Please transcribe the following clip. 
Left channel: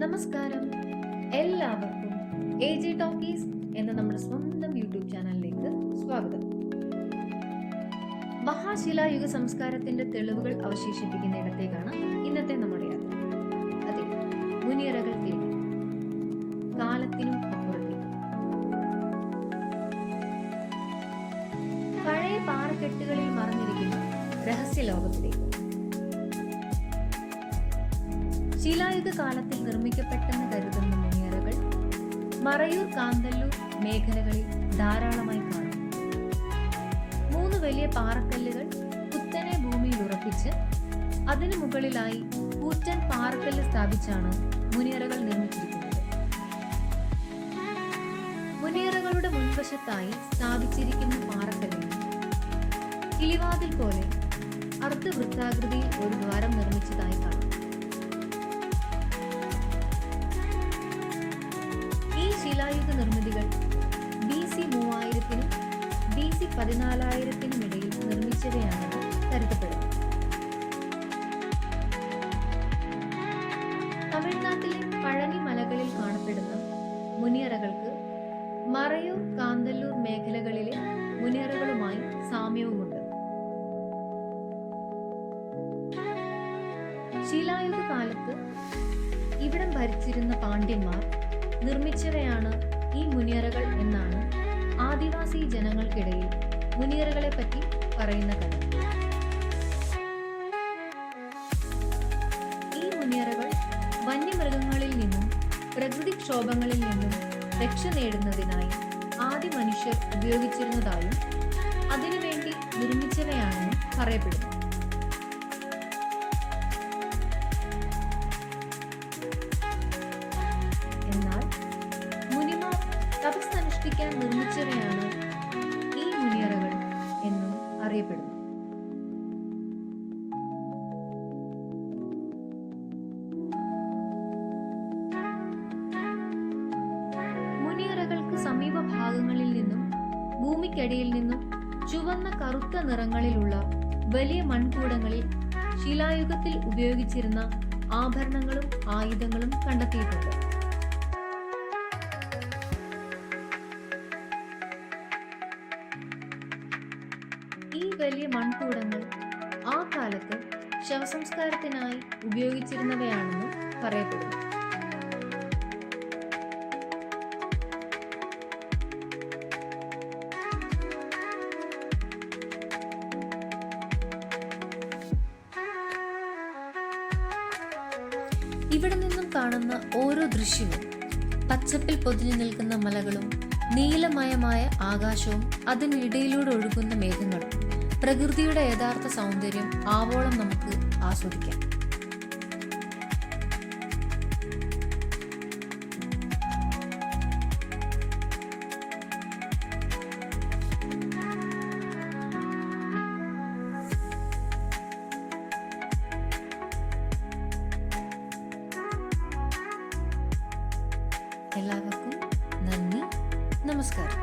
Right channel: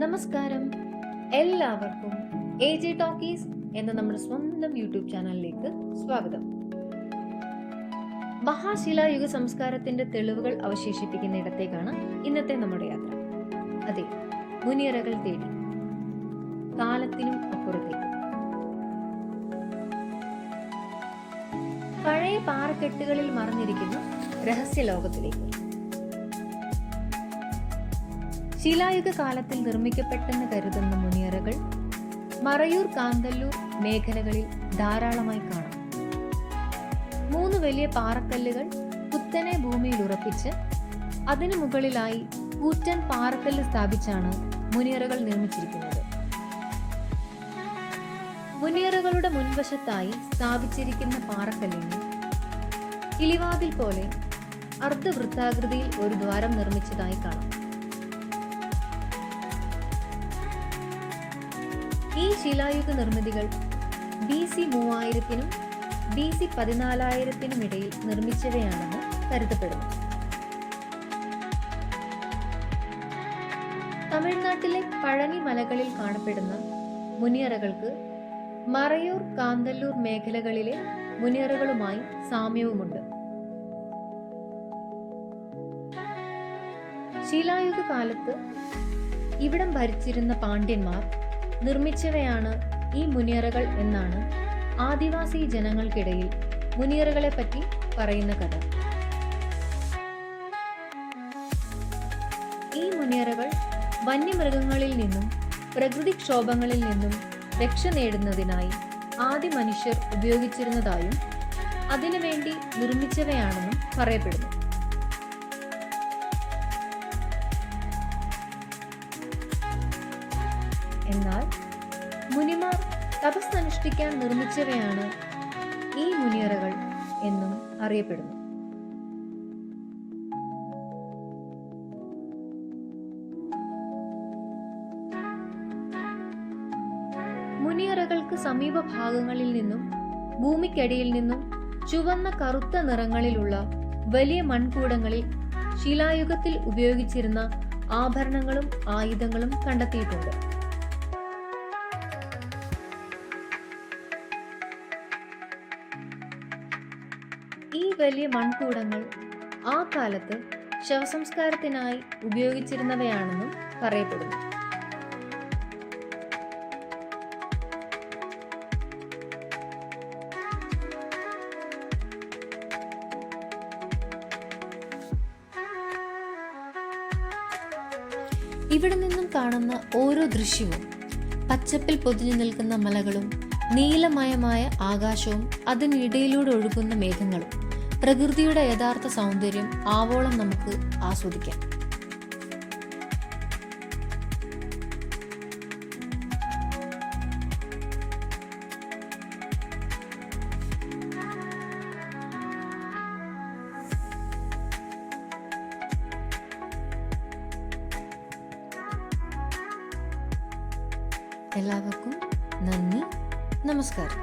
നമസ്കാരം, എല്ലാവർക്കും AJ talkies എന്ന നമ്മുടെ സ്വന്തം യൂട്യൂബ് ചാനലിലേക്ക് സ്വാഗതം. മഹാശിലായുഗ സംസ്കാരത്തിന്റെ തെളിവുകൾ അവശേഷിപ്പിക്കുന്ന ഇടത്തേക്കാണ് ഇന്നത്തെ നമ്മുടെ യാത്ര. അതെ, മുനിയറകൾ തേടി, കാലത്തിനും അപ്പുറത്തേക്ക്. പഴയ പാറക്കെട്ടുകളിൽ മറഞ്ഞിരിക്കുന്ന രഹസ്യ ലോകത്തിലേക്ക്. ശിലായുഗ കാലത്തിൽ നിർമ്മിക്കപ്പെട്ടെന്ന് കരുതുന്ന മുനിയറകൾ മറയൂർ, കാന്തല്ലൂർ മേഖലകളിൽ ധാരാളമായി കാണാം. 3 വലിയ പാറക്കല്ലുകൾ കുത്തനെ ഭൂമിയിൽ ഉറപ്പിച്ച് അതിനു മുകളിലായി കൂറ്റൻ പാറക്കല്ല് സ്ഥാപിച്ചാണ് മുനിയറകൾ നിർമ്മിച്ചിരിക്കുന്നത്. മുനിയറകളുടെ മുൻവശത്തായി സ്ഥാപിച്ചിരിക്കുന്ന പാറക്കല്ലിന് കിളിവാതിൽ പോലെ അർദ്ധവൃത്താകൃതിയിൽ ഒരു ദ്വാരം നിർമ്മിച്ചതായി കാണാം. ഈ ശിലായുഗ നിർമ്മിതികൾ BC 3000-നും BC 14,000-നും ഇടയിൽ നിർമ്മിച്ചവയാണെന്ന് കരുതപ്പെടുന്നു. തമിഴ്നാട്ടിലെ പഴനി മലകളിൽ കാണപ്പെടുന്ന മുനിയറകൾക്ക് മറയൂർ, കാന്തല്ലൂർ മേഖലകളിലെ മുനിയറകളുമായി സാമ്യവുമുണ്ട്. ശിലായുഗ കാലത്ത് ഇവിടം ഭരിച്ചിരുന്ന പാണ്ഡ്യന്മാർ നിർമ്മിച്ചവയാണ് ഈ മുനിയറകൾ എന്നാണ് ആദിവാസി ജനങ്ങൾക്കിടയിൽ മുനിയറകളെ പറ്റി പറയുന്ന കഥ. ഈ മുനിയറകൾ വന്യമൃഗങ്ങളിൽ നിന്നും പ്രകൃതിക്ഷോഭങ്ങളിൽ നിന്നും രക്ഷ നേടുന്നതിനായി ആദി മനുഷ്യർ ഉപയോഗിച്ചിരുന്നതായും അതിനുവേണ്ടി നിർമ്മിച്ചവയാണെന്നും പറയപ്പെടുന്നു. എന്നാൽ മുനിമാർ തപസ്സനുഷ്ഠിക്കാൻ നിർമ്മിച്ചവയാണ് ഈ മുനിയറകൾ എന്നും അറിയപ്പെടുന്നു. മുനിയറകൾക്ക് സമീപ ഭാഗങ്ങളിൽ നിന്നും ഭൂമിക്കടിയിൽ നിന്നും ചുവന്ന കറുത്ത നിറങ്ങളിലുള്ള വലിയ മൺകൂടങ്ങളിൽ ശിലായുഗത്തിൽ ഉപയോഗിച്ചിരുന്ന ആഭരണങ്ങളും ആയുധങ്ങളും കണ്ടെത്തിയിട്ടുണ്ട്. ഈ വലിയ മൺകൂടങ്ങൾ ആ കാലത്ത് ശവസംസ്കാരത്തിനായി ഉപയോഗിച്ചിരുന്നവയാണെന്നും പറയപ്പെടുന്നു. ഇവിടെ നിന്നും കാണുന്ന ഓരോ ദൃശ്യവും പച്ചപ്പിൽ പൊതിഞ്ഞു നിൽക്കുന്ന മലകളും നീലമയമായ ആകാശവും അതിനിടയിലൂടെ ഒഴുകുന്ന മേഘങ്ങളും പ്രകൃതിയുടെ യഥാർത്ഥ സൗന്ദര്യം ആവോളം നമുക്ക് ആസ്വദിക്കാം. എല്ലാവർക്കും നന്ദി, നമസ്കാരം.